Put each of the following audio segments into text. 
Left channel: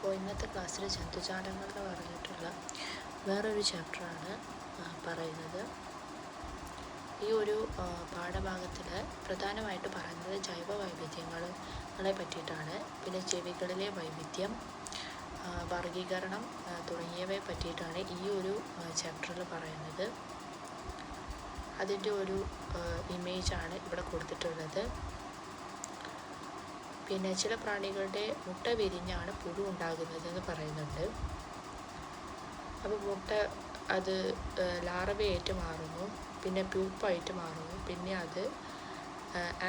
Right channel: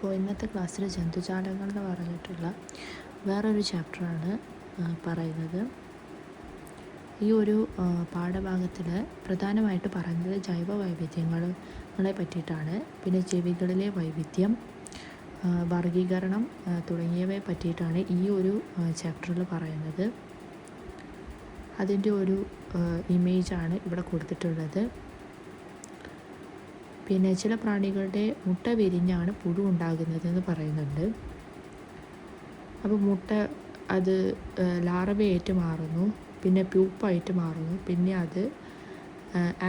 അപ്പോൾ ഇന്നത്തെ ക്ലാസ്സിൽ ജന്തുജാലങ്ങൾ എന്ന് പറഞ്ഞിട്ടുള്ള വേറൊരു ചാപ്റ്ററാണ് പറയുന്നത്. ഈ ഒരു പാഠഭാഗത്തിൽ പ്രധാനമായിട്ട് പറയുന്നത് ജൈവ വൈവിധ്യങ്ങളെ പറ്റിയിട്ടാണ്. പിന്നെ ജീവികളിലെ വൈവിധ്യം, വർഗീകരണം തുടങ്ങിയവയെ പറ്റിയിട്ടാണ് ഈ ഒരു ചാപ്റ്ററിൽ പറയുന്നത്. അതിൻ്റെ ഒരു ഇമേജാണ് ഇവിടെ കൊടുത്തിട്ടുള്ളത്. പിന്നെ ചില പ്രാണികളുടെ മുട്ട വിരിഞ്ഞാണ് പുഴു ഉണ്ടാകുന്നത് എന്ന് പറയുന്നുണ്ട്. അപ്പോൾ മുട്ട അത് ലാർവയായിട്ട് മാറുന്നു, പിന്നെ പ്യൂപ്പായിട്ട് മാറുന്നു, പിന്നെ അത്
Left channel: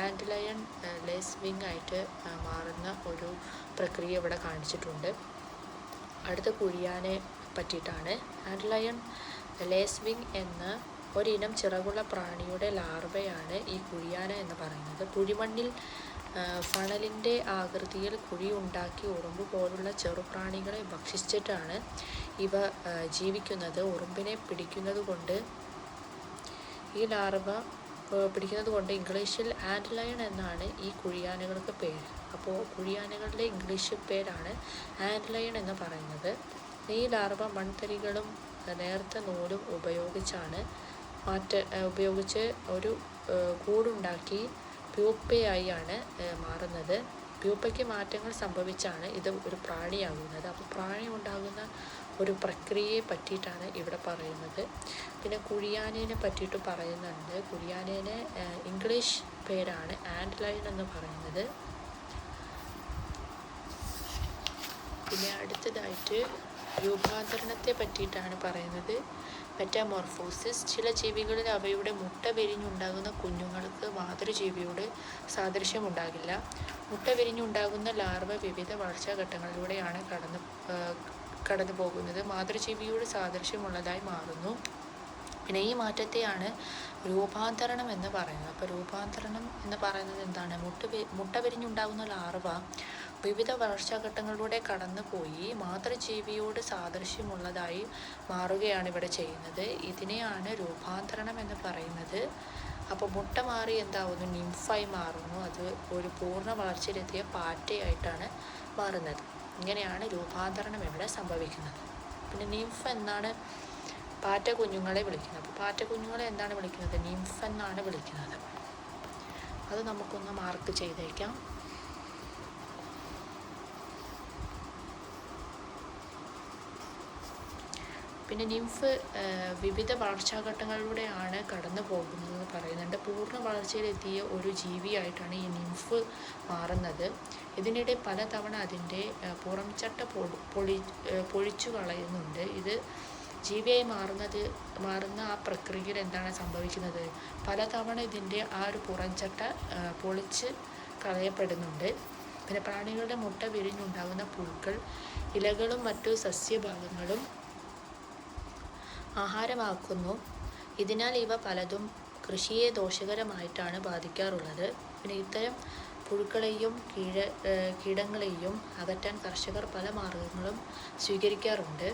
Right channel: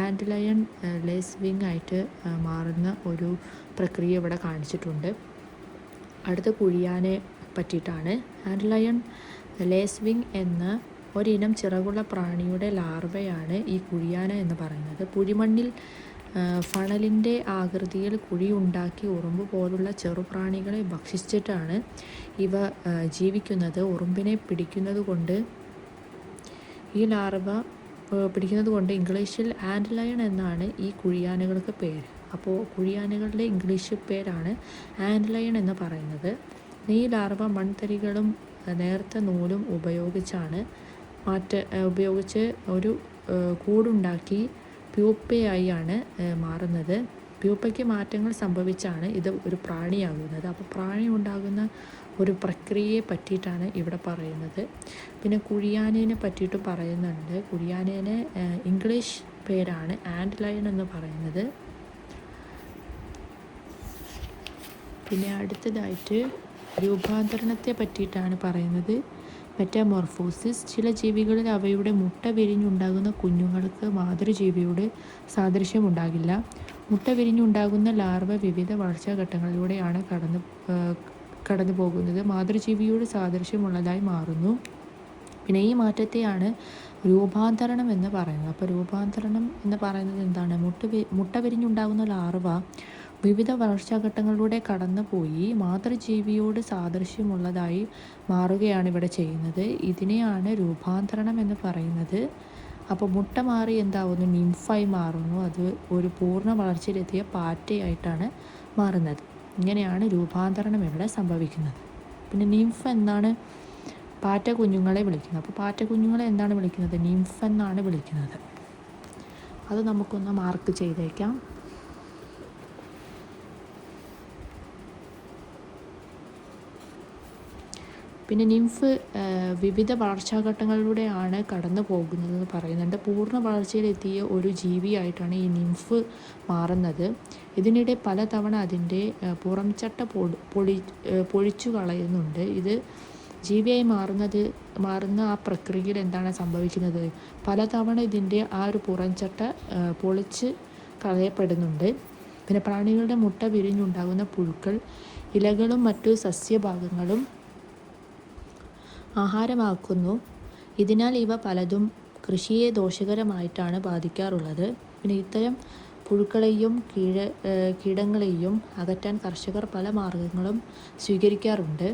ആൻഡ്ലയൺ ലേസ്വിങ് ആയിട്ട് മാറുന്ന ഒരു പ്രക്രിയ ഇവിടെ കാണിച്ചിട്ടുണ്ട്. അടുത്ത കുഴിയാനെ പറ്റിയിട്ടാണ്. ആൻഡ്ലയൺ ലേസ്വിങ് എന്ന ഒരിനം ചിറകുള്ള പ്രാണിയുടെ ലാർവയാണ് ഈ കുഴിയാന എന്ന് പറയുന്നത്. കുഴിമണ്ണിൽ ഫണലിൻ്റെ ആകൃതിയിൽ കുഴിയുണ്ടാക്കി ഉറുമ്പ് പോലുള്ള ചെറുപ്രാണികളെ ഭക്ഷിച്ചിട്ടാണ് ഇവ ജീവിക്കുന്നത്. ഉറുമ്പിനെ പിടിക്കുന്നത് കൊണ്ട് ഇംഗ്ലീഷിൽ ആൻഡ്ലയൺ എന്നാണ് ഈ കുഴിയാനകൾക്ക് പേര്. അപ്പോൾ കുഴിയാനകളുടെ ഇംഗ്ലീഷ് പേരാണ് ആൻഡ്ലയൺ എന്ന് പറയുന്നത്. ഈ ലാർവ മൺതരികളും നേർത്ത നൂലും ഉപയോഗിച്ച് ഒരു കൂടുണ്ടാക്കി പ്യൂപ്പയായാണ് മാറുന്നത്. പ്യൂപ്പയ്ക്ക് മാറ്റങ്ങൾ സംഭവിച്ചാണ് ഇത് ഒരു പ്രാണിയാകുന്നത്. അപ്പോൾ പ്രാണി ഉണ്ടാകുന്ന ഒരു പ്രക്രിയയെ പറ്റിയിട്ടാണ് ഇവിടെ പറയുന്നത്. പിന്നെ കുഴിയാനേനെ പറ്റിയിട്ട് പറയുന്നുണ്ട്. കുഴിയാനേനെ ഇംഗ്ലീഷ് പേരാണ് ആൻഡ്ലയൺ എന്ന് പറയുന്നത്. പിന്നെ അടുത്തതായിട്ട് രൂപാന്തരണത്തെ പറ്റിയിട്ടാണ് പറയുന്നത്. മെറ്റാമോർഫോസിസ്. ചില ജീവികളിൽ അവയുടെ മുട്ട വിരിഞ്ഞുണ്ടാകുന്ന കുഞ്ഞുങ്ങൾക്ക് മാതൃജീവിയോട് സാദൃശ്യമുണ്ടാകില്ല. മുട്ട വിരിഞ്ഞുണ്ടാകുന്ന ലാർവ വിവിധ വളർച്ചാഘട്ടങ്ങളിലൂടെയാണ് കടന്നു പോകുന്നത്. മാതൃജീവിയോട് സാദൃശ്യമുള്ളതായി മാറുന്നു. പിന്നെ ഈ മാറ്റത്തെയാണ് രൂപാന്തരണം എന്ന് പറയുന്നത്. അപ്പോൾ രൂപാന്തരണം എന്ന് പറയുന്നത് എന്താണ്? മുട്ട വിരിഞ്ഞുണ്ടാകുന്ന ലാർവ വിവിധ വളർച്ചാഘട്ടങ്ങളിലൂടെ കടന്നുപോയി മാതൃജീവിയോട് സാദൃശ്യമുള്ളതായി മാറുകയാണ് ഇവിടെ ചെയ്യുന്നത്. ഇതിനെയാണ് രൂപാന്തരണം എന്ന് പറയുന്നത്. അപ്പോൾ മുട്ട മാറി എന്താവുന്നു? നിംഫായി മാറുന്നു. അത് ഒരു പൂർണ്ണ വളർച്ചയിലെത്തിയ പാറ്റയായിട്ടാണ് മാറുന്നത്. ഇങ്ങനെയാണ് രൂപാന്തരണം ഇവിടെ സംഭവിക്കുന്നത്. പിന്നെ നിംഫ് എന്നാണ് പാറ്റ കുഞ്ഞുങ്ങളെ വിളിക്കുന്നത്. അപ്പോൾ പാറ്റ കുഞ്ഞുങ്ങളെ എന്താണ് വിളിക്കുന്നത്? നിംഫ് എന്നാണ് വിളിക്കുന്നത്. അത് നമുക്കൊന്ന് മാർക്ക് ചെയ്തേക്കാം. പിന്നെ നിംഫ് വിവിധ വളർച്ചാഘട്ടങ്ങളിലൂടെയാണ് കടന്നു പോകുന്നതെന്ന് പറയുന്നുണ്ട്. പൂർണ്ണ വളർച്ചയിലെത്തിയ ഒരു ജീവിയായിട്ടാണ് ഈ നിംഫ് മാറുന്നത്. ഇതിനിടെ പലതവണ അതിൻ്റെ പുറംചട്ട പൊളിച്ചു കളയുന്നുണ്ട്. ഇത് ജീവിയായി മാറുന്ന ആ പ്രക്രിയയിൽ എന്താണ് സംഭവിക്കുന്നത്? പലതവണ ഇതിൻ്റെ ആ ഒരു പുറംചട്ട പൊളിച്ച് കളയപ്പെടുന്നുണ്ട്. പിന്നെ പ്രാണികളുടെ മുട്ട വിരിഞ്ഞുണ്ടാകുന്ന പുഴുക്കൾ ഇലകളും മറ്റു സസ്യഭാഗങ്ങളും ആഹാരമാക്കുന്നു. ഇതിനാൽ ഇവ പലതും കൃഷിയെ ദോഷകരമായിട്ടാണ് ബാധിക്കാറുള്ളത്. പിന്നെ ഇത്തരം പുഴുക്കളെയും കീടങ്ങളെയും അകറ്റാൻ കർഷകർ പല മാർഗങ്ങളും സ്വീകരിക്കാറുണ്ട്.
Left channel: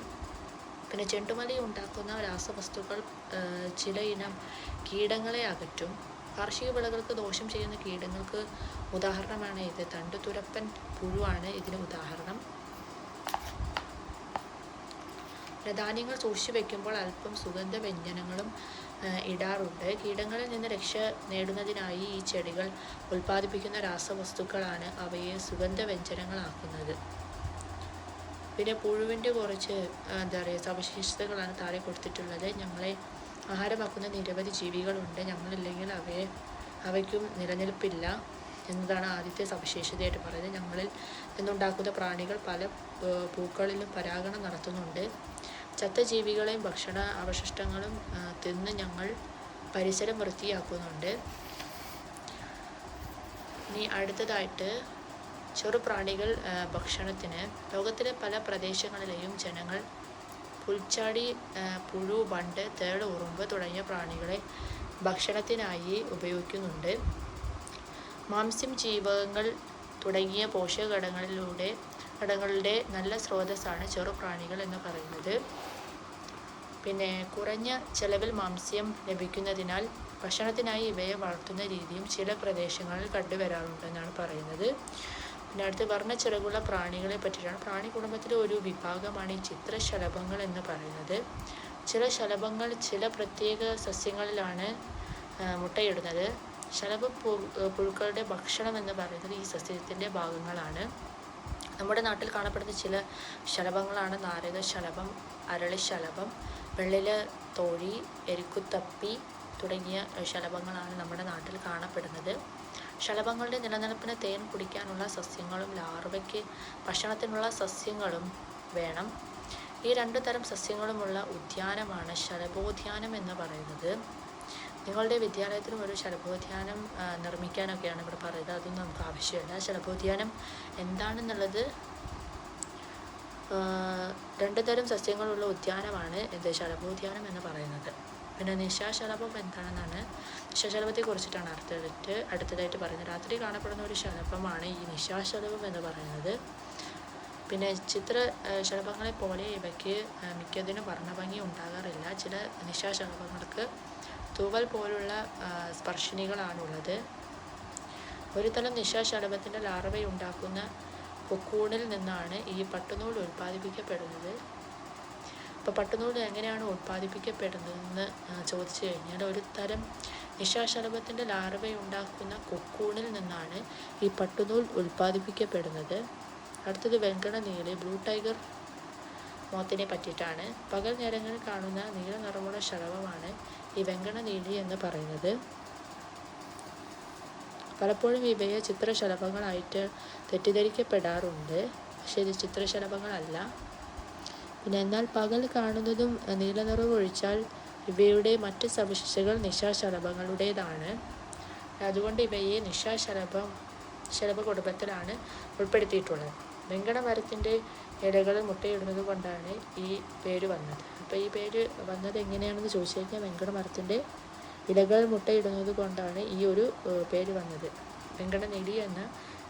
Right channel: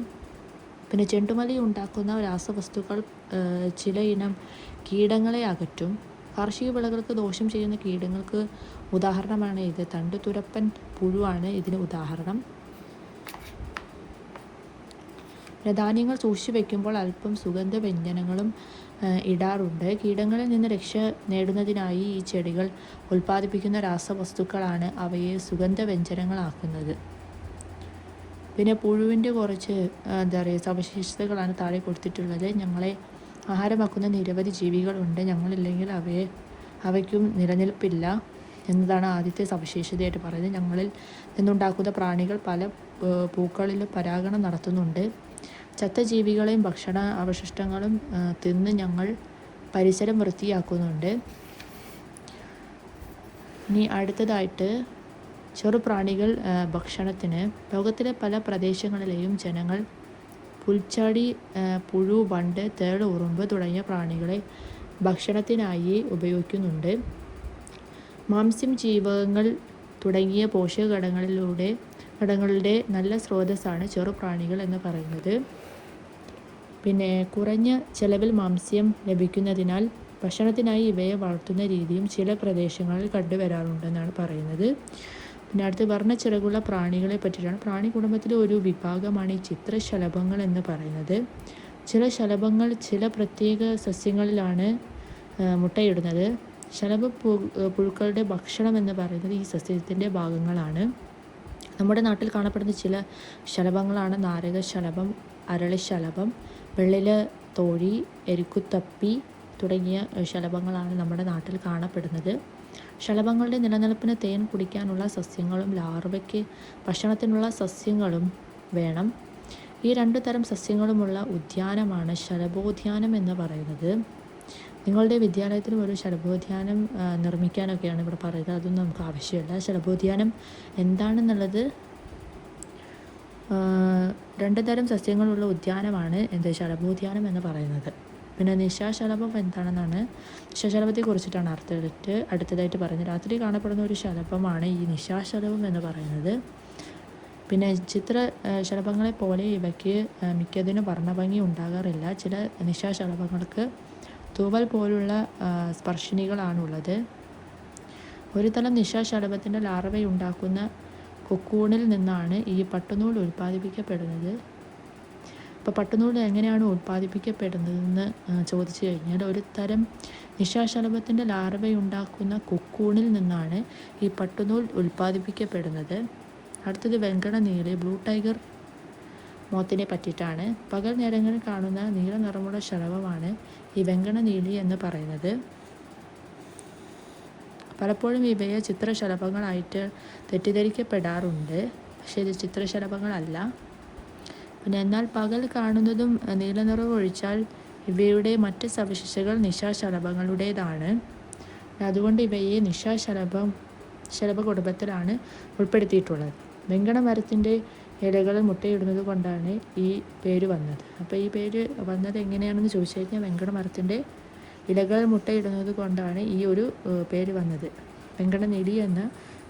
പിന്നെ ചെണ്ടുമല്ലി ഉണ്ടാക്കുന്ന രാസവസ്തുക്കൾ ചില ഇനം കീടങ്ങളെ അകറ്റും. കാർഷിക വിളകൾക്ക് ദോഷം ചെയ്യുന്ന കീടങ്ങൾക്ക് ഉദാഹരണമാണ് ഇത്. തണ്ടുതുരപ്പൻ പുഴുവാണ് ഇതിന് ഉദാഹരണം. ധാന്യങ്ങൾ സൂക്ഷിച്ചു വയ്ക്കുമ്പോൾ അല്പം സുഗന്ധവ്യഞ്ജനങ്ങളും ഇടാറുണ്ട്. കീടങ്ങളിൽ നിന്ന് രക്ഷ നേടുന്നതിനായി ഈ ചെടികൾ ഉൽപ്പാദിപ്പിക്കുന്ന രാസവസ്തുക്കളാണ് അവയെ സുഗന്ധവ്യഞ്ജനങ്ങളാക്കുന്നത്. പിന്നെ പുഴുവിൻ്റെ കുറച്ച് സവിശേഷതകളാണ് താഴെ കൊടുത്തിട്ടുള്ളത്. ഞങ്ങളെ ആഹാരമാക്കുന്ന നിരവധി ജീവികളുണ്ട്. ഞങ്ങളില്ലെങ്കിൽ അവയ്ക്കും നിലനിൽപ്പില്ല എന്നതാണ് ആദ്യത്തെ സവിശേഷതയായിട്ട് പറയുന്നത്. ഞങ്ങളിൽ നിന്നുണ്ടാക്കുന്ന പ്രാണികൾ പല പൂക്കളിലും പരാഗണം നടത്തുന്നുണ്ട്. ചത്ത ജീവികളെയും ഭക്ഷണ അവശിഷ്ടങ്ങളും തിന്ന് ഞങ്ങൾ പരിസരം വൃത്തിയാക്കുന്നുണ്ട്. ഇനി അടുത്തതായിട്ട് ചെറുപ്രാണികൾ ഭക്ഷണത്തിന്. ലോകത്തിലെ പല പ്രദേശങ്ങളിലെയും ജനങ്ങൾ പുൽച്ചാടി, പുഴു, വണ്ട്, തേൾ, ഉറുമ്പ് തുടങ്ങിയ പ്രാണികളെ ഭക്ഷണത്തിനായി ഉപയോഗിക്കുന്നുണ്ട്. മാംസ്യം, ജീവകങ്ങൾ തുടങ്ങിയ പോഷകഘടകങ്ങളുടെ നല്ല സ്രോതസ്സാണ് ചെറുപ്രാണികൾ എന്ന് പറയുന്നത്. പിന്നെ കുറഞ്ഞ ചെലവിൽ മാംസ്യം ലഭിക്കുന്നതിനാൽ ഭക്ഷണത്തിനായി ഇവയെ വളർത്തുന്ന രീതിയും ചില പ്രദേശങ്ങളിൽ കണ്ടുവരാറുണ്ടെന്നാണ് പറയുന്നത്. പിന്നെ അടുത്ത് വർണ്ണച്ചിറകുള്ള പ്രാണികളെ പറ്റിയിട്ടാണ്. പ്രാണി കുടുംബത്തിലെ ഒരു വിഭാഗമാണ് ചിത്രശലഭങ്ങൾ എന്ന് പറയുന്നത്. ചില ശലഭങ്ങൾ ചില പ്രത്യേക സസ്യങ്ങളിലാണ് മുട്ടയിടുന്നത്. ശലഭ പുഴുക്കളുടെ ഭക്ഷണം എന്ന് പറയുന്നത് ഈ സസ്യത്തിൻ്റെ ഭാഗങ്ങളാണ്. നമ്മുടെ നാട്ടിൽ കാണപ്പെടുന്ന ചില ശലഭങ്ങളാണ് നാരകശലഭം, അരളിശലഭം, വെള്ളില തോഴി, എരിക്കുത്തപ്പി തുടങ്ങിയ ശലഭങ്ങളാണ് നമ്മുടെ നാട്ടിൽ കാണപ്പെടുന്നത്. ശലഭങ്ങളുടെ നിലനിൽപ്പിന് തേൻ കുടിക്കാനുള്ള സസ്യങ്ങളും ലാർവയ്ക്ക് ഭക്ഷണത്തിനുള്ള സസ്യങ്ങളും വേണം. ഈ രണ്ടു തരം സസ്യങ്ങളുമുള്ള ഉദ്യാനമാണ് ശലഭോദ്യാനം എന്ന് പറയുന്നത്. നിങ്ങളുടെ വിദ്യാലയത്തിൽ ഒരു ശലഭോദ്യാനം നിർമ്മിക്കാനൊക്കെയാണ് ഇവിടെ പറയുന്നത്. അതൊന്നും നമുക്ക് ആവശ്യമില്ല. ശലഭോദ്യാനം എന്താണെന്നുള്ളത് രണ്ട് തരം സസ്യങ്ങളുള്ള ഉദ്യാനമാണ് ശലഭോദ്യാനം എന്ന് പറയുന്നത്. പിന്നെ നിശാശലഭം എന്താണെന്നാണ്, നിശാശലഭത്തെ കുറിച്ചിട്ടാണ് അടുത്തതായിട്ട് പറയുന്നത്. രാത്രി കാണപ്പെടുന്ന ഒരു ശലഭമാണ് ഈ നിശാശലഭം എന്ന് പറയുന്നത്. പിന്നെ ശലഭങ്ങളെ പോലെ ഇവയ്ക്ക് മിക്കതിനും വർണ്ണഭംഗി ഉണ്ടാകാറില്ല. ചില നിശാശലഭങ്ങൾക്ക് തൂവൽ പോലുള്ള സ്പർശിനികളാണുള്ളത്. ഒരു തരം നിശാശലഭത്തിൻ്റെ ലാർവയുണ്ടാക്കുന്ന കൊക്കൂണിൽ നിന്നാണ് ഈ പട്ടുനൂൽ ഉൽപ്പാദിപ്പിക്കപ്പെടുന്നത്. അപ്പോൾ പട്ടുനൂൽ എങ്ങനെയാണ് ഉൽപ്പാദിപ്പിക്കപ്പെടുന്നതെന്ന് ചോദിച്ചു കഴിഞ്ഞാൽ, ഒരു തരം നിശാശലഭത്തിൻ്റെ ലാർവയുണ്ടാക്കുന്ന കൊക്കൂണിൽ നിന്നാണ് ഈ പട്ടുനൂൽ ഉൽപ്പാദിപ്പിക്കപ്പെടുന്നത്. അടുത്തത് വെങ്കടനീല ബ്ലൂ ടൈഗർ മോത്തിനെ പറ്റിയിട്ടാണ്. പകൽ നേരങ്ങളിൽ കാണുന്ന നീല നിറമുള്ള ശലഭമാണ് ഈ വെങ്കടനീലി എന്ന് പറയുന്നത്. പലപ്പോഴും ഇവയെ ചിത്രശലഭങ്ങളായിട്ട് തെറ്റിദ്ധരിക്കപ്പെടാറുണ്ട്. പക്ഷേ ഇത് ചിത്രശലഭങ്ങളല്ല. പിന്നെ എന്നാൽ പകൽ കാണുന്നതും നീല നിറം ഒഴിച്ചാൽ ഇവയുടെ മറ്റ് സവിശേഷതകൾ നിശാശലഭങ്ങളുടേതാണ്. അതുകൊണ്ട് ഇവയെ ശലഭ കുടുംബത്തിലാണ് ഉൾപ്പെടുത്തിയിട്ടുള്ളത്. വെങ്കട മരത്തിൻ്റെ ഇലകൾ മുട്ടയിടുന്നത് കൊണ്ടാണ് ഈ പേര് വന്നത്. അപ്പോൾ ഈ പേര് വന്നത് എങ്ങനെയാണെന്ന് ചോദിച്ചു കഴിഞ്ഞാൽ, വെങ്കട മരത്തിൻ്റെ ഇലകൾ മുട്ടയിടുന്നത് കൊണ്ടാണ് ഈ ഒരു പേര് വന്നത്, വെങ്കടനീലി എന്ന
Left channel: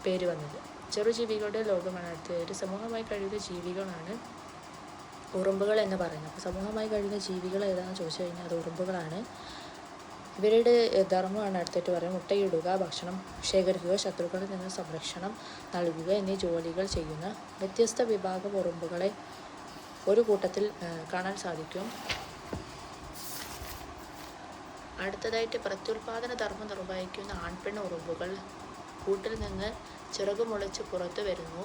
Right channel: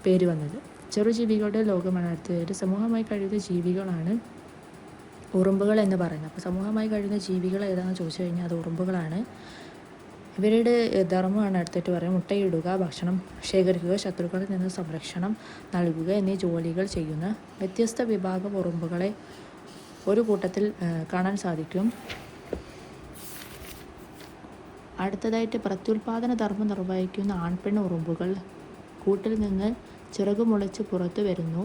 പേര് വന്നത്. ചെറുജീവികളുടെ ലോകമാണ് അടുത്തത്. സമൂഹമായി കഴിയുന്ന ജീവികളാണ് ഉറുമ്പുകൾ എന്ന് പറയുന്നത്. സമൂഹമായി കഴിയുന്ന ജീവികൾ ഏതാണെന്ന് ചോദിച്ചു കഴിഞ്ഞാൽ അത് ഉറുമ്പുകളാണ്. ഇവരുടെ ധർമ്മമാണ് അടുത്തിട്ട് പറയുന്നത്. മുട്ടയിടുക, ഭക്ഷണം ശേഖരിക്കുക, ശത്രുക്കളിൽ നിന്ന് സംരക്ഷണം നൽകുക എന്നീ ജോലികൾ ചെയ്യുന്ന വ്യത്യസ്ത വിഭാഗം ഉറുമ്പുകളെ ഒരു കൂട്ടത്തിൽ കാണാൻ സാധിക്കും. അടുത്തതായിട്ട് പ്രത്യുൽപാദന ധർമ്മം നിർവഹിക്കുന്ന ആൺപെണ്ണ് ഉറുമ്പുകൾ കൂട്ടിൽ നിന്ന് ചിറകുമുളച്ച് പുറത്തു വരുന്നു.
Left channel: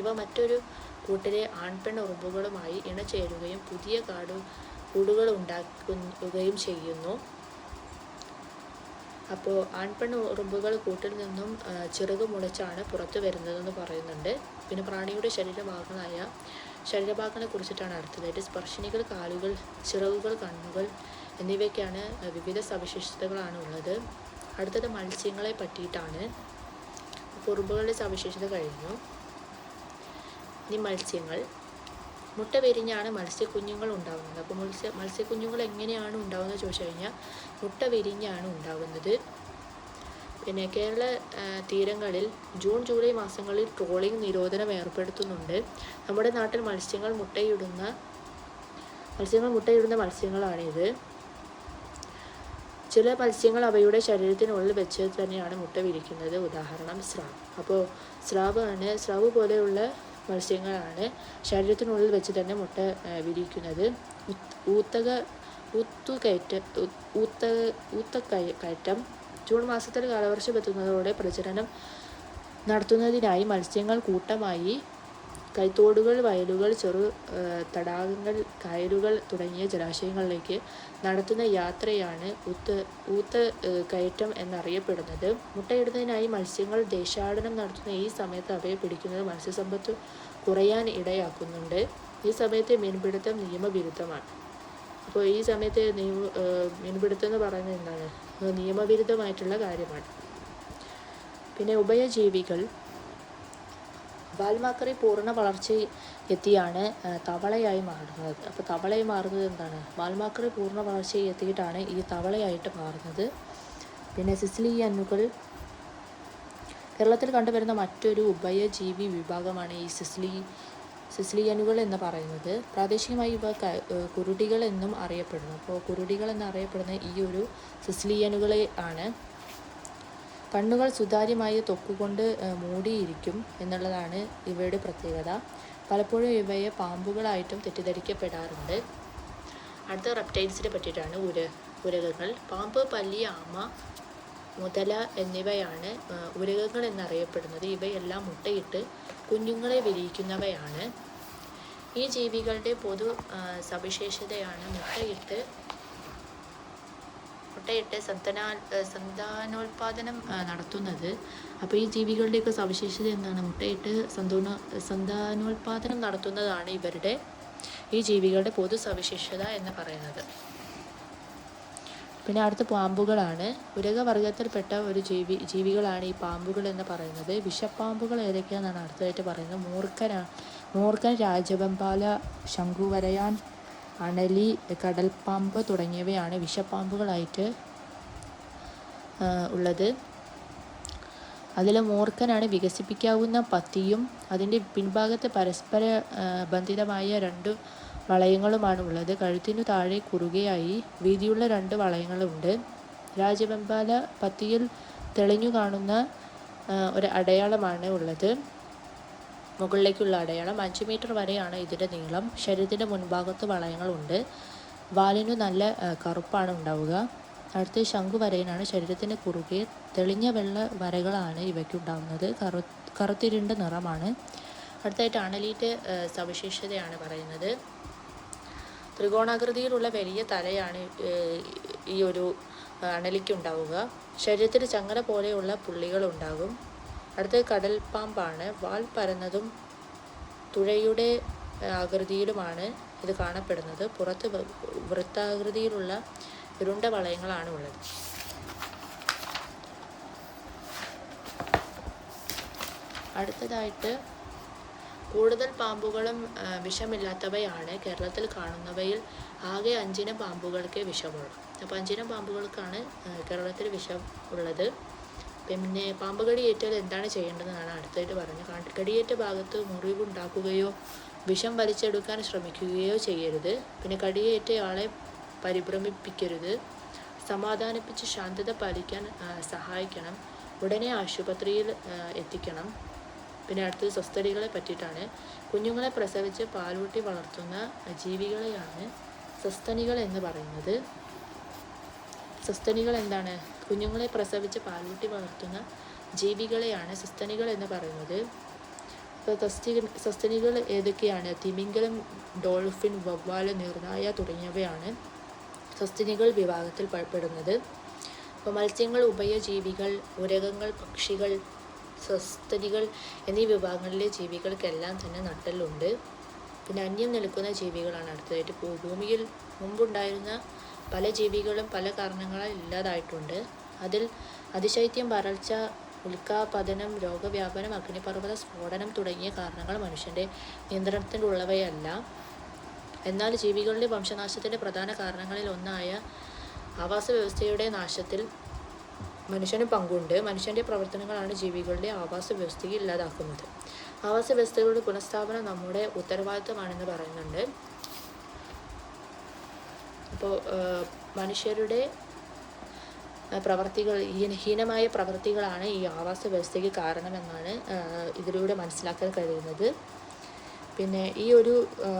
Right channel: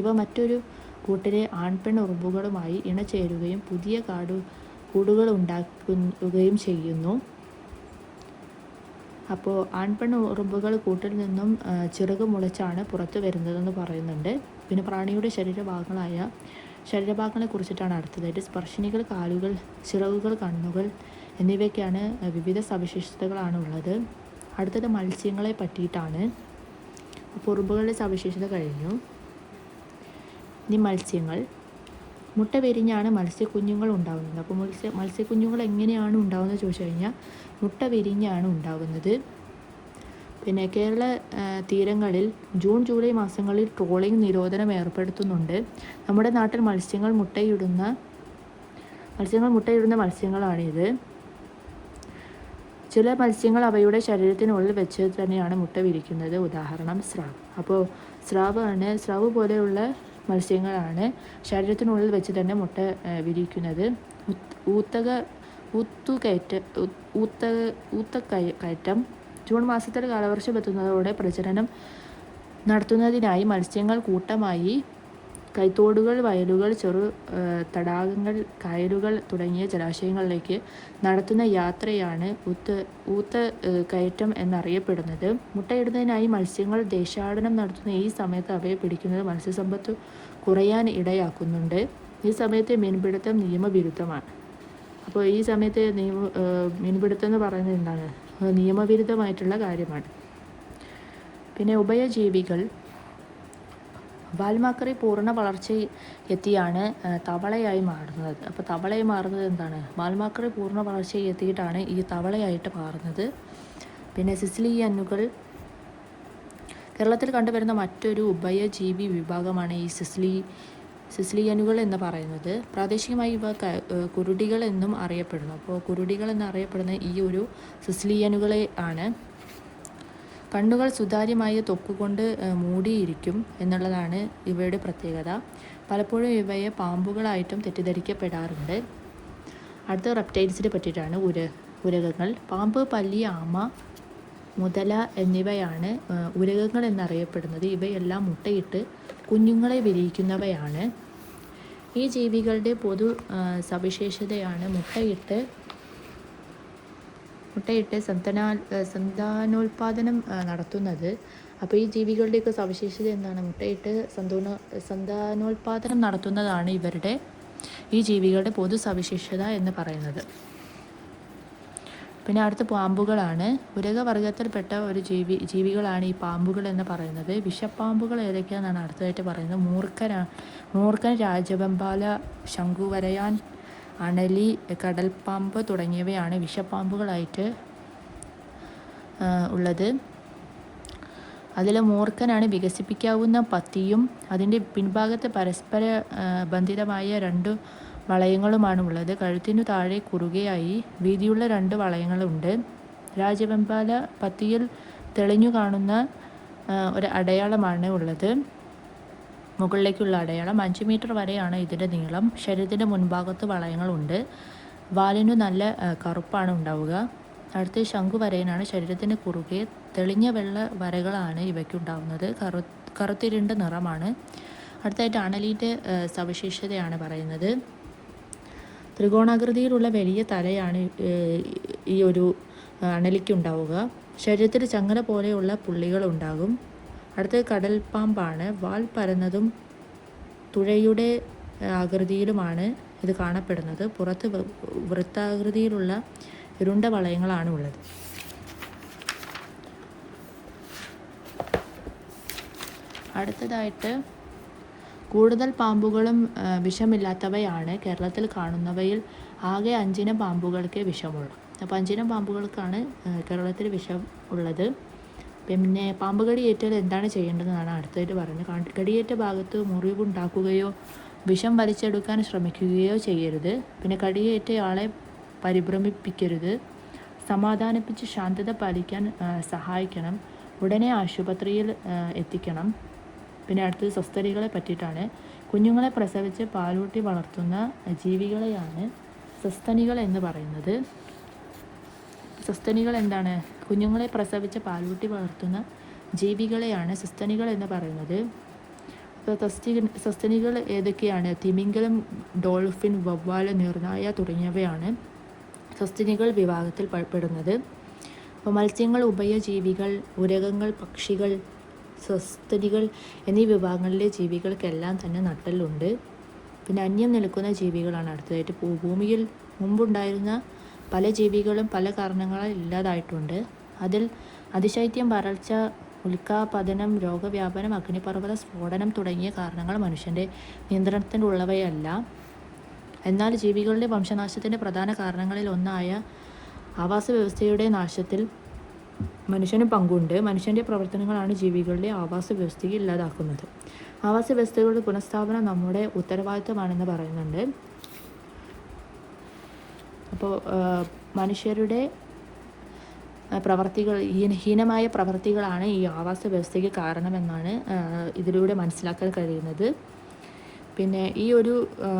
ഇവ മറ്റൊരു കൂട്ടിലെ ആൺപെണ്ണ് ഉറുമ്പുകളുമായി ഇണചേരുകയും പുതിയ കൂടുകൾ ഉണ്ടാക്കുകയും ചെയ്യുന്നു. അപ്പോൾ ആൺപെണ്ണ് ഉറുമ്പുകൾ കൂട്ടിൽ നിന്നും ചിറക് മുളച്ചാണ് പുറത്തു വരുന്നതെന്ന് പറയുന്നുണ്ട്. പിന്നെ പ്രാണിയുടെ ശരീരഭാഗങ്ങളെ കുറിച്ചിട്ടാണ് അടുത്തതായിട്ട്. സ്പർശിനികൾ, കാലുകൾ, ചിറകുകൾ, കണ്ണുകൾ എന്നിവയ്ക്കാണ് വിവിധ സവിശേഷതകളാണ് ഉള്ളത്. അടുത്തത് മത്സ്യങ്ങളെ പറ്റിയിട്ടാണ്. അപ്പോൾ ഉറുമ്പുകളുടെ സവിശേഷത കഴിഞ്ഞു. ഇനി മത്സ്യങ്ങൾ. മുട്ട വിരിഞ്ഞാണ് മത്സ്യക്കുഞ്ഞുങ്ങൾ ഉണ്ടാകുന്നത്. അപ്പോൾ മത്സ്യക്കുഞ്ഞുങ്ങൾ എങ്ങനെയാണ് ഉണ്ടാകുന്നത് ചോദിച്ചു കഴിഞ്ഞാൽ, മുട്ട വിരിഞ്ഞാണ് ഉണ്ടാകുന്നത്. പിന്നെ കേരള തീരങ്ങളിൽ ജൂൺ ജൂലൈ മാസങ്ങളിൽ ട്രോളിംഗ് നിരോധനം ഏർപ്പെടുത്തുന്നുണ്ട്. നമ്മുടെ നാട്ടിൽ മത്സ്യങ്ങൾ മുട്ടയിടുന്ന മത്സ്യങ്ങളാണിത്. ചില മത്സ്യങ്ങൾ അവയുടെ ശരീരത്തിനുള്ളിൽ വെച്ച് തന്നെയാണ് മുട്ട വിരിക്കുന്നത്. ഉദാഹരണം സ്രാവ്. അപ്പോൾ സ്രാവ് പോലെയുള്ള മത്സ്യങ്ങളാണ് ശരീരത്തിനുള്ളിൽ വെച്ച് തന്നെ മുട്ട വിരിക്കുന്നത്. ഊത്തക്കയറ്റം. ജൂൺ മാസത്തിൽ കാലവർഷം എത്തുന്നതോടെ പ്രജനനം നടത്തുന്നതിനായി മത്സ്യങ്ങൾ കൂട്ടമായി കൈത്തോടുകൾ, വയലുകൾ, ചെറു തടാകങ്ങൾ, കായലുകൾ തുടങ്ങിയ ജലാശയങ്ങളിലേക്ക് നടത്തുന്ന യാത്രയാണ് ഊത്തക്കയറ്റം എന്നറിയപ്പെടുന്നത്. മുട്ടയിടുന്നതിനായി മത്സ്യങ്ങൾ ദേശാടനം നടത്തുന്ന ഈ സമയത്ത് അവയെ പിടിക്കുന്നത് മത്സ്യസമ്പത്ത് കുറയാൻ ഇടയാക്കുന്നുണ്ട്. ഈ സമയത്ത് മീൻപിടുത്തം നിയമവിരുദ്ധമാണ്. അപ്പോൾ ഈ സമയത്ത് മീൻപിടുത്തം എന്ന് പറയുന്നത് എന്താണ്? നിയമവിരുദ്ധമായിട്ടുള്ള കാര്യമാണ്. പിന്നെ ഉഭയജീവികൾ. വാൽമാക്രി പൂർണ്ണ വളർച്ച എത്തിയാണ് തവളയായി മാറുന്നത്. അപ്പോൾ തവളയായി മാറുന്നത് എന്താണ്? വാൽമാക്രി പൂർണ്ണ വളർച്ച എത്തിയിട്ടാണ് ഈ തവളയായിട്ട് മാറുന്നത്. പിന്നെ സിസിലിയനുകൾ. കേരളത്തിൽ കണ്ടുവരുന്ന മറ്റൊരു ഉഭയജീവി വിഭാഗമാണ് ഈ സിസിലിയനുകൾ എന്ന് പറയുന്നത്. പ്രാദേശികമായി ഇവ കുരുടികൾ എന്നും അറിയപ്പെടുന്നു. അപ്പോൾ കുരുടികൾ എന്നറിയപ്പെടുന്ന ഈ ഒരു സിസിലിയനുകളെ ആണ്. കണ്ണുകൾ സുതാര്യമായ തൊപ്പുകൊണ്ട് മൂടിയിരിക്കും എന്നുള്ളതാണ് ഇവയുടെ പ്രത്യേകത. പലപ്പോഴും ഇവയെ പാമ്പുകളായിട്ടും തെറ്റിദ്ധരിക്കപ്പെടാറുണ്ട്. അടുത്ത റെപ്റ്റൈൽസിനെ പറ്റിയിട്ടാണ് ഉരകങ്ങൾ. പാമ്പ്, പല്ലി, ആമ, മുതല എന്നിവയാണ് ഉരകങ്ങൾ എന്നറിയപ്പെടുന്നത്. ഇവയെല്ലാം മുട്ടയിട്ട് കുഞ്ഞുങ്ങളെ വിരിയിക്കുന്നവയാണ്. ഈ ജീവികളുടെ പൊതു സവിശേഷതയാണ് മുട്ടയിട്ട് സന്താനോൽപാദനം നടത്തുന്നത്. അപ്പോൾ ഈ ജീവികളുടെയൊക്കെ സവിശേഷത എന്താണ്? മുട്ടയിട്ട് സന്താനോൽപാദനം നടത്തുന്നതാണ് ഈ ജീവികളുടെ പൊതു സവിശേഷത എന്ന് പറയുന്നത്. പിന്നെ അടുത്ത പാമ്പുകളാണ്. ഉരകവർഗത്തിൽപ്പെട്ട ഒരു ജീവികളാണ് ഈ പാമ്പുകൾ എന്ന് പറയുന്നത്. വിഷപ്പാമ്പുകൾ ഏതൊക്കെയാണെന്നാണ് അടുത്തതായിട്ട് പറയുന്നത്. മൂർഖൻ, രാജവെമ്പാല, ശംഖുവരയാൻ, അണലി, കടൽപ്പാമ്പ് തുടങ്ങിയവയാണ് വിഷപ്പാമ്പുകളായിട്ട് ഉള്ളത്. അതിൽ മൂർഖനാണ് വികസിപ്പിക്കാവുന്ന പത്തിയും അതിൻ്റെ പിൻഭാഗത്ത് പരസ്പര ബന്ധിതമായ 2 വളയങ്ങളുമാണ് ഉള്ളത്. കഴുത്തിനു താഴെ കുറുകയായി വീതിയുള്ള 2 വളയങ്ങളുണ്ട്. രാജവെമ്പാല പത്തിയിൽ തെളിഞ്ഞു കാണുന്ന ഒരു അടയാളമാണ് ഉള്ളത്. മുകളിലേക്കുള്ള അടയാളം 5 മീറ്റർ വരെയാണ് ഇതിൻ്റെ നീളം. ശരീരത്തിൻ്റെ മുൻഭാഗത്ത് വളയങ്ങളുണ്ട്. വാലിനു നല്ല കറുപ്പാണ് ഉണ്ടാവുക. അടുത്ത് ശംഖുവരയനാണ്. ശരീരത്തിന് കുറുകെ തെളിഞ്ഞ വെള്ള വരകളാണ് ഇവയ്ക്കുണ്ടാകുന്നത്. കറുത്തിരണ്ട നിറമാണ്. അടുത്തായിട്ട് അണലിൻ്റെ സവിശേഷതയാണ് പറയുന്നത്. ത്രികോണാകൃതിയിലുള്ള വലിയ തലയാണ് ഈ ഒരു അണലിക്കുണ്ടാവുക. ശരീരത്തിൽ ചങ്ങല പോലെയുള്ള പുള്ളികളുണ്ടാകും. അടുത്ത കടൽപ്പാമ്പാണ്. വാൽ പരന്നതും തുഴയുടെ ആകൃതിയിലുമാണ് ഇത് കാണപ്പെടുന്നത്. പുറത്ത് വൃത്താകൃതിയിലുള്ള ഇരുണ്ട വളയങ്ങളാണ് ഉള്ളത്. അടുത്തതായിട്ട് കൂടുതൽ പാമ്പുകളും വിഷമില്ലാത്തവയാണ്. കേരളത്തിൽ കാണുന്നവയിൽ ആകെ 5 ഇനം പാമ്പുകൾക്ക് വിഷമുള്ളൂ. അപ്പോൾ 5 ഇനം പാമ്പുകൾക്കാണ് കേരളത്തിൽ വിഷം ഉള്ളത്. പിന്നെ പാമ്പ് കടിയേറ്റാൽ എന്താണ് ചെയ്യേണ്ടതെന്നാണ് അടുത്തായിട്ട് പറയുന്നത്. കടിയേറ്റ ഭാഗത്ത് മുറിവുണ്ടാക്കുകയോ വിഷം വലിച്ചെടുക്കാൻ ശ്രമിക്കുകയോ ചെയ്യരുത്. പിന്നെ കടിയേറ്റയാളെ പരിഭ്രമിപ്പിക്കരുത്. സമാധാനിപ്പിച്ച് ശാന്തത പാലിക്കാൻ സഹായിക്കണം. ഉടനെ ആശുപത്രിയിൽ എത്തിക്കണം. പിന്നെ അടുത്തത് സസ്തനികളെ പറ്റിയിട്ടാണ്. കുഞ്ഞുങ്ങളെ പ്രസവിച്ച് പാലൂട്ടി വളർത്തുന്ന ജീവികളെയാണ് സസ്തനികൾ എന്ന് പറയുന്നത്. സസ്തനികൾ എന്താണ്? കുഞ്ഞുങ്ങളെ പ്രസവിച്ച് പാലൂട്ടി വളർത്തുന്ന ജീവികളെയാണ് സസ്തനികൾ എന്ന് പറയുന്നത്. സസ്തനികൾ ഏതൊക്കെയാണ്? തിമിംഗലം, ഡോൾഫിൻ, വവ്വാല്, നീർനായ തുടങ്ങിയവയാണ് സസ്തനികൾ വിഭാഗത്തിൽ പെടുന്നത്. അപ്പോൾ മത്സ്യങ്ങൾ, ഉഭയജീവികൾ, ഉരകങ്ങൾ, പക്ഷികൾ, സസ്തനികൾ എന്നീ വിഭാഗങ്ങളിലെ ജീവികൾക്കെല്ലാം തന്നെ നട്ടെല്ലുണ്ട്. പിന്നെ അന്യം നിൽക്കുന്ന ജീവികളാണ് അടുത്തതായിട്ട്. ഭൂമിയിൽ മുമ്പുണ്ടായിരുന്ന പല ജീവികളും പല കാരണങ്ങളാൽ ഇല്ലാതായിട്ടുണ്ട്. അതിൽ അതിശൈത്യം, വരൾച്ച, ഉൽക്കാപതനം, രോഗവ്യാപനം, അഗ്നിപർവ്വത സ്ഫോടനം തുടങ്ങിയ കാരണങ്ങൾ മനുഷ്യൻ്റെ നിയന്ത്രണത്തിലുള്ളവയല്ല. എന്നാൽ ജീവികളുടെ വംശനാശത്തിൻ്റെ പ്രധാന കാരണങ്ങളിൽ ഒന്നായ ആവാസ വ്യവസ്ഥയുടെ നാശത്തിൽ മനുഷ്യന് പങ്കുണ്ട്. മനുഷ്യൻ്റെ പ്രവർത്തനങ്ങളാണ് ജീവികളുടെ ആവാസ വ്യവസ്ഥയെ ഇല്ലാതാക്കുന്നത്. ആവാസ വ്യവസ്ഥകളുടെ പുനഃസ്ഥാപനം നമ്മുടെ ഉത്തരവാദിത്തമാണെന്ന് പറയുന്നുണ്ട്. അപ്പോൾ മനുഷ്യരുടെ ഹീനമായ പ്രവർത്തികളാണ് ഈ ആവാസ വ്യവസ്ഥയ്ക്ക് കാരണമെന്നാണ് ഇതിലൂടെ മനസ്സിലാക്കാൻ കഴിയുന്നത്. പിന്നെ ഈ ഒരു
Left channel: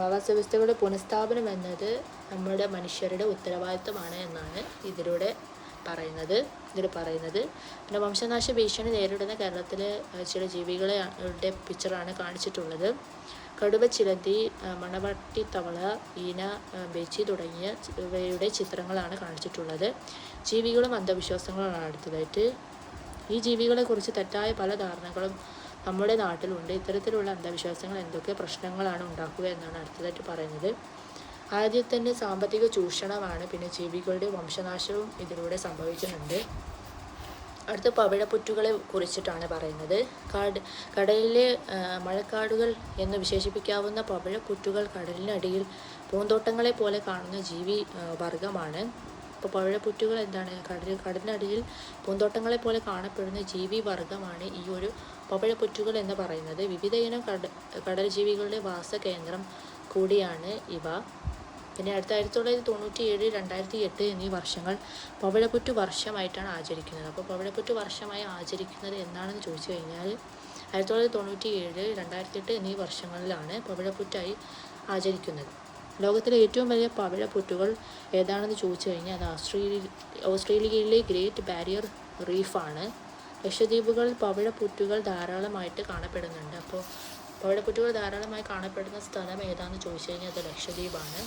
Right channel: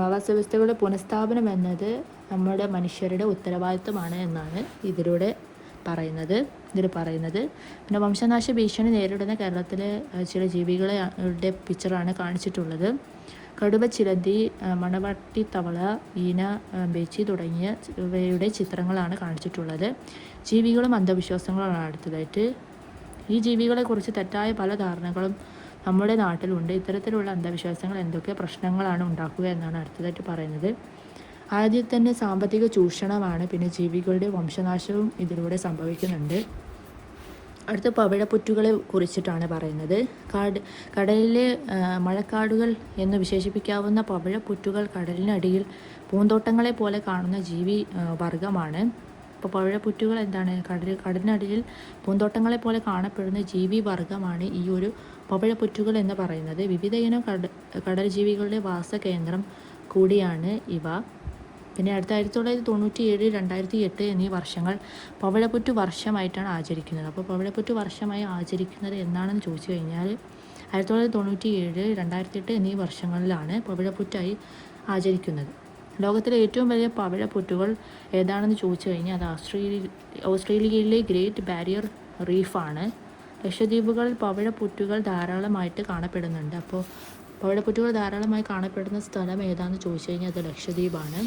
ആവാസ വ്യവസ്ഥകളുടെ പുനഃസ്ഥാപനം എന്നത് നമ്മുടെ മനുഷ്യരുടെ ഉത്തരവാദിത്തമാണ് എന്നാണ് ഇതിൽ പറയുന്നത്. പിന്നെ വംശനാശ ഭീഷണി നേരിടുന്ന കേരളത്തിലെ ചില ജീവികളുടെ പിക്ചറാണ് കാണിച്ചിട്ടുള്ളത്. കടുവ, ചിലന്തി, മണവട്ടി തവള, ഈന, ബേച്ചി തുടങ്ങിയവയുടെ ചിത്രങ്ങളാണ് കാണിച്ചിട്ടുള്ളത്. ജീവികളും അന്ധവിശ്വാസങ്ങളാണ് അടുത്തതായിട്ട്. ഈ ജീവികളെക്കുറിച്ച് തെറ്റായ പല ധാരണകളും നമ്മുടെ നാട്ടിലുണ്ട്. ഇത്തരത്തിലുള്ള അന്ധവിശ്വാസങ്ങൾ എന്തൊക്കെ പ്രശ്നങ്ങളാണ് ഉണ്ടാക്കുക എന്നാണ് അടുത്തതായിട്ട് പറയുന്നത്. ആദ്യം തന്നെ സാമ്പത്തിക ചൂഷണമാണ്. പിന്നെ ജീവികളുടെ വംശനാശവും ഇതിലൂടെ സംഭവിക്കുന്നുണ്ട്. അടുത്ത പവിഴപ്പുറ്റുകളെ കുറിച്ചിട്ടാണ് പറയുന്നത്. കടലിലെ മഴക്കാടുകൾ എന്ന് വിശേഷിപ്പിക്കാവുന്ന പവിഴപ്പുറ്റുകൾ കടലിനടിയിൽ പൂന്തോട്ടങ്ങളെ പോലെ കാണുന്ന ജീവി വർഗമാണ്. അപ്പോൾ പവിഴപ്പുറ്റുകൾ എന്താണ്? കടലിനടിയിൽ പൂന്തോട്ടങ്ങളെ പോലെ കാണപ്പെടുന്ന ജീവി വർഗമാണ് ഈ ഒരു പവിഴപ്പുറ്റുകൾ എന്ന് പറയുന്നത്. വിവിധയിനം കടൽ ജീവികളുടെ വാസകേന്ദ്രം കൂടിയാണ് ഇവ. പിന്നെ അടുത്ത 1997, 2008 എന്നീ വർഷങ്ങൾ പവിഴപ്പുറ്റ് വർഷമായിട്ടാണ് ആചരിക്കുന്നത്. അപ്പോൾ പവിഴപ്പുറ്റ് വർഷമായി ആചരിക്കുന്നത് എന്നാണെന്ന് ചോദിച്ചു കഴിഞ്ഞാൽ 1997, 2008 എന്നീ വർഷങ്ങളിലാണ് പവിഴപ്പുറ്റായി ആചരിക്കുന്നത്. ലോകത്തിലെ ഏറ്റവും വലിയ പവിഴപ്പുറ്റുകൾ ഏതാണെന്ന് ചോദിച്ചു കഴിഞ്ഞാൽ അത് ഓസ്ട്രേലിയയിലെ ഗ്രേറ്റ് ബാരിയർ റീഫാണ്. ലക്ഷദ്വീപുകളിൽ പവിഴപ്പുറ്റുകൾ ധാരാളമായിട്ട് കാണപ്പെടുന്നുണ്ട്. അപ്പോൾ പവിഴപ്പുറ്റുകൾ ധാരാളമായി കാണപ്പെടുന്ന സ്ഥലം ഏതാണെന്ന് ചോദിച്ചു കഴിഞ്ഞാൽ അത് ലക്ഷദ്വീപാണ്.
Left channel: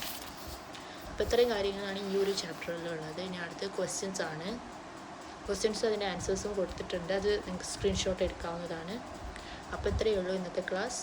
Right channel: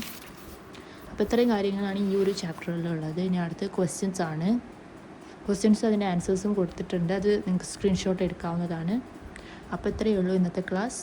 അപ്പോൾ ഇത്രയും കാര്യങ്ങളാണ് ഈ ഒരു ചാപ്റ്ററിലുള്ളത്. ഇനി അടുത്ത ക്വസ്റ്റ്യൻസ് ആണ്. ക്വസ്റ്റ്യൻസ് അതിൻ്റെ ആൻസേഴ്സും കൊടുത്തിട്ടുണ്ട്. അത് നിങ്ങൾക്ക് സ്ക്രീൻഷോട്ട് എടുക്കാവുന്നതാണ്. അപ്പോൾ ഇത്രയേ ഉള്ളൂ ഇന്നത്തെ ക്ലാസ്.